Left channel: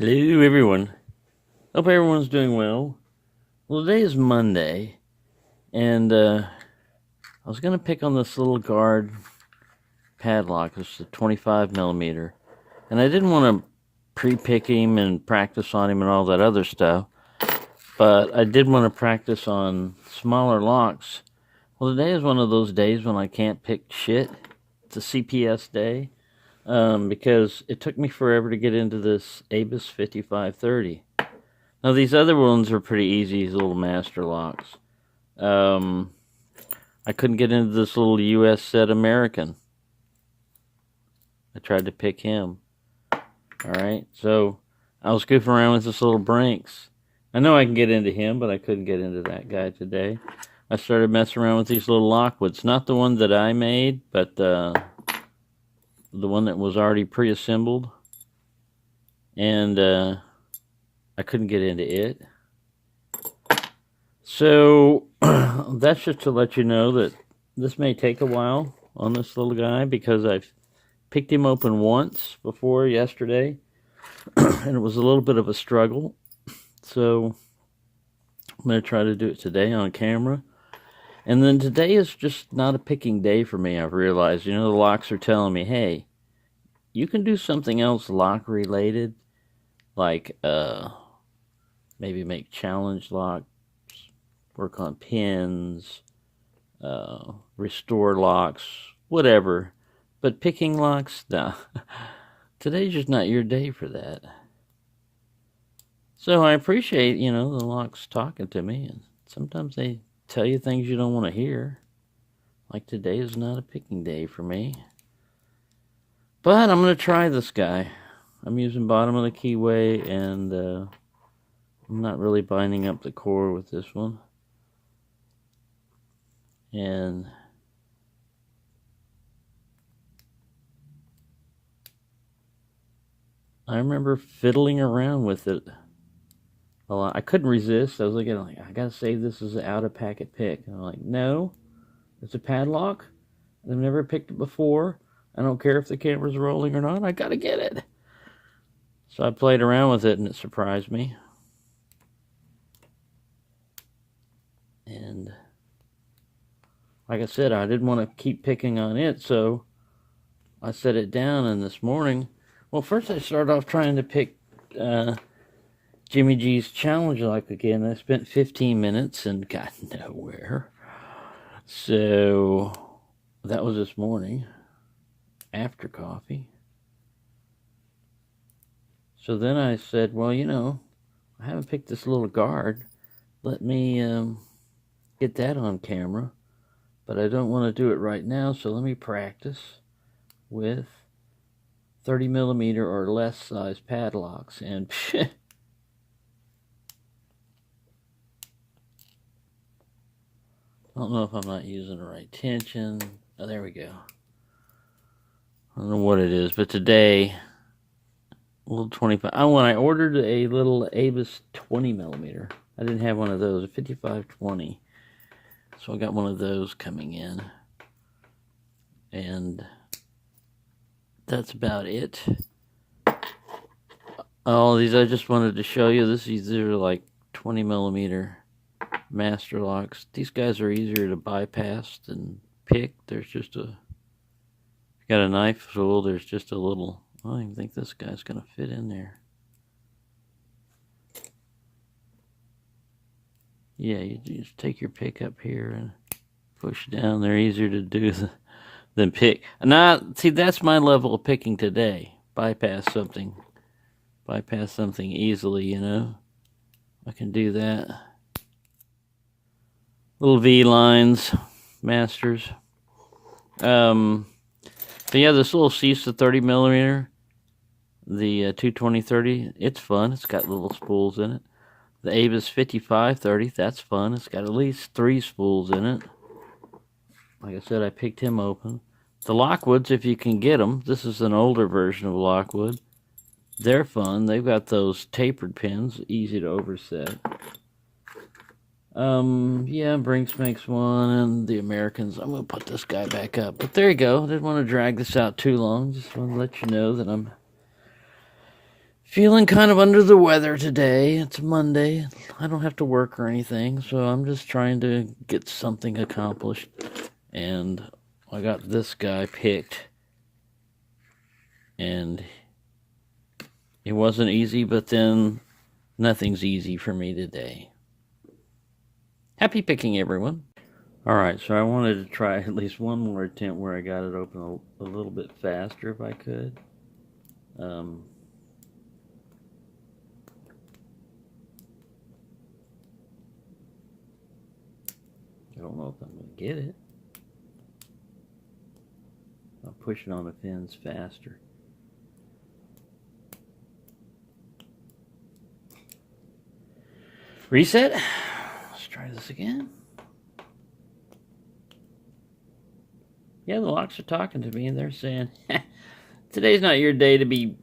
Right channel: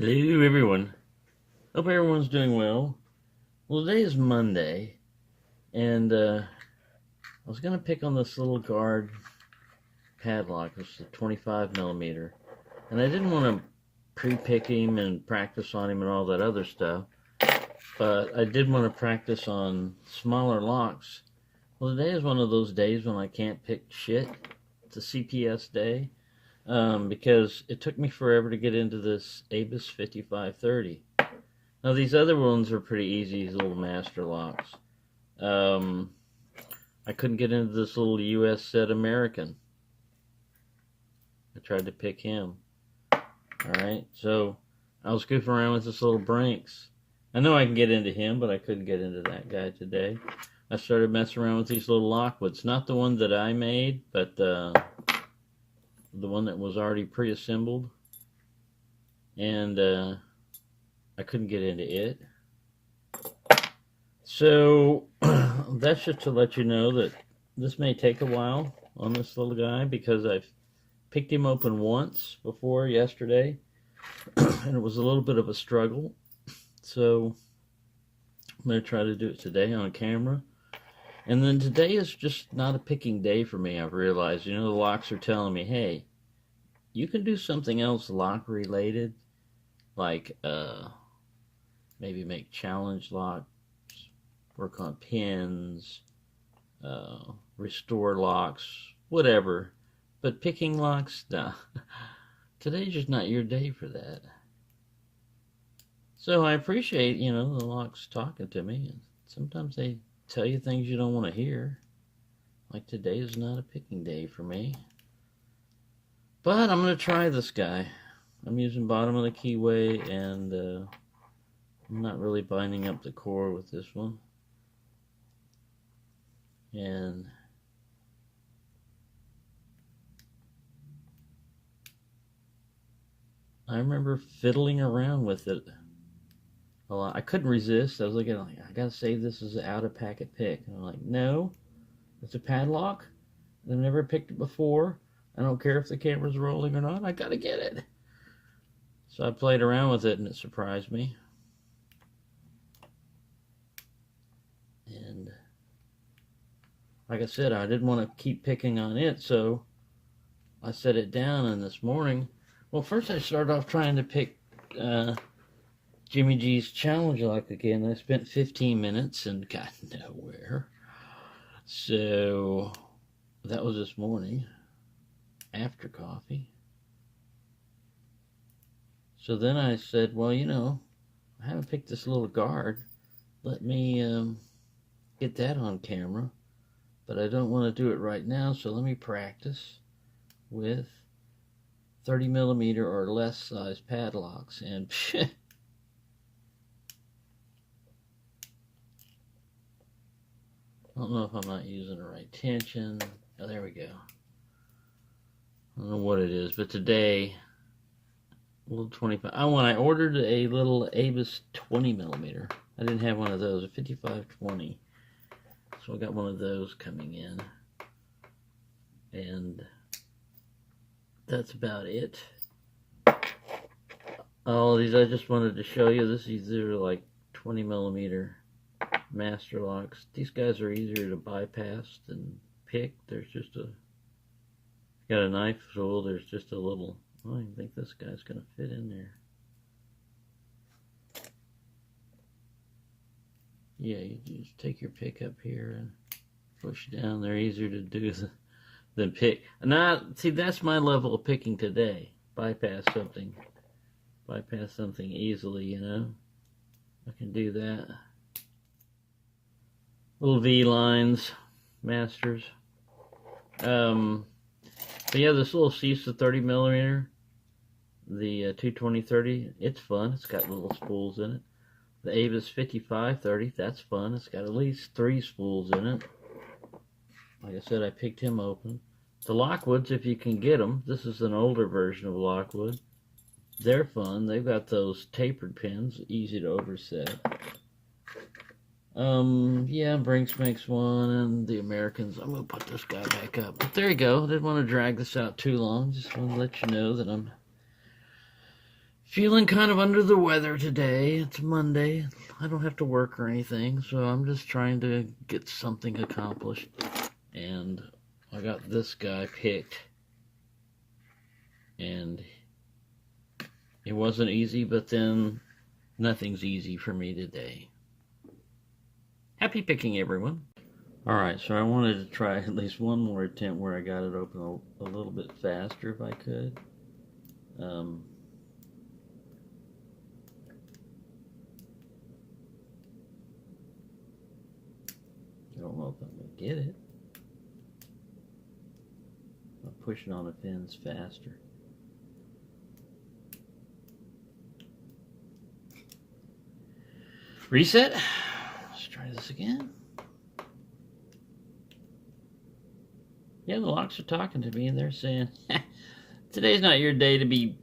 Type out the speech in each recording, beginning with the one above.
Hello, everyone. Hope everyone's doing well. Well, today is Monday, and I was going to pick on this little guard padlock. It's a 25 millimeter, and I didn't want to pre-pick him and practice on him and all that other stuff, but I did want to practice on smaller locks. Well, today is one of those days when I can't pick shit. It's a CPS day. Because it took me forever to get into this Abus 5530. Now, these other ones are pretty easy, these little master locks. I couldn't get into this little US set American. I tried to pick him. Alright, so I was goofing around with this little Brinks. I know I can get into him, but I couldn't get into that guy today. I started messing around with these little Lockwoods. Not the one that I made, but the one that was already pre-assembled, and I couldn't get into it. So that's just to let you know that this may take a while on this little guy, because I've picked him open once before yesterday and it was a little bit of a struggle. So I'm going to try to do it today on camera. And then today is just not a picking day for me, I've realized. You know, the locks are telling me, hey, you can do something else lock related, like maybe make challenge locks, work on pins, restore locks, whatever. But picking locks, nah. Today's just not your day for that. So I appreciate, you know, the locks talking to me, and sometimes they tell you things you don't want to hear. Like today is not a picking day for me. But I'm going to try this guy. I'm using bottom of the keyway, and I'm not really binding up the core with this one. And I remember fiddling around with it a lot. I couldn't resist. I was looking like, I gotta save this as an out-of-packet pick. And I'm like, no, it's a padlock. I've never picked it before. I don't care if the camera's rolling or not. I gotta get it. So I played around with it, and it surprised me. And like I said, I didn't want to keep picking on it, so I set it down. And this morning, well, first I started off trying to pick Jimmy G's challenge lock again. I spent 15 minutes and got nowhere. So that was this morning after coffee. So then I said, well, you know, I haven't picked this little guard. Let me get that on camera. But I don't want to do it right now, so let me practice with 30 millimeter or less size padlocks. And I don't know if I'm not using the right tension. Oh, there we go. I don't know what it is, but today, a little 25. When I ordered a little Abus 20 millimeter, I didn't have one of those, a 5520. So I got one of those coming in. And that's about it. All these I just wanted to show you. These are like 20 millimeter master locks. These guys are easier to bypass than pick. There's just a, got a knife tool, there's just a little, I don't even think this guy's gonna fit in there. Yeah, you just take your pick up here and push down. They're easier to do than pick. Now, see, that's my level of picking today. Bypass something easily, you know. I can do that. Little V lines, masters. But yeah, this little CISA 30 millimeter, the 220-30, it's fun. It's got little spools in it. The Abus 55-30, that's fun. It's got at least 3 spools in it. Like I said, I picked him open. The Lockwoods, if you can get them, this is an older version of Lockwood. They're fun. They've got those tapered pins, easy to overset. Yeah, Brinks makes one, and the Americans. I'm going to put this guy back up. But there you go. Didn't want to drag this out too long. Just want to let you know that I'm Feeling kind of under the weather today. It's Monday. I don't have to work or anything, so I'm just trying to get something accomplished. And I got this guy picked. And it wasn't easy, but then nothing's easy for me today. Happy picking, everyone. Alright, so I wanted to try at least one more attempt where I got it open a little bit faster if I could. I don't know if I'm going to get it. I'll push it on the pins faster. Reset. Let's try this again. Yeah, the locks are talking to me and they're saying, today's not your day to be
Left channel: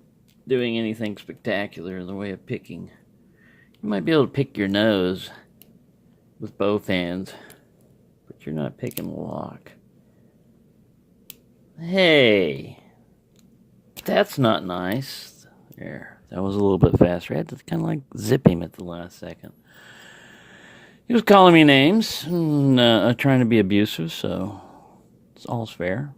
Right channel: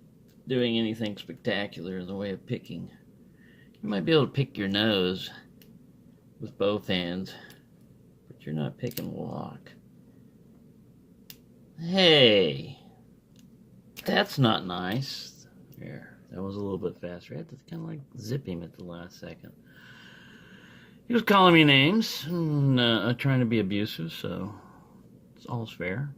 doing anything spectacular in the way of picking. You might be able to pick your nose with both hands, but you're not picking the lock. Hey, that's not nice. There, that was a little bit faster. I had to kind of like zip him at the last second. He was calling me names and trying to be abusive, so it's all's fair.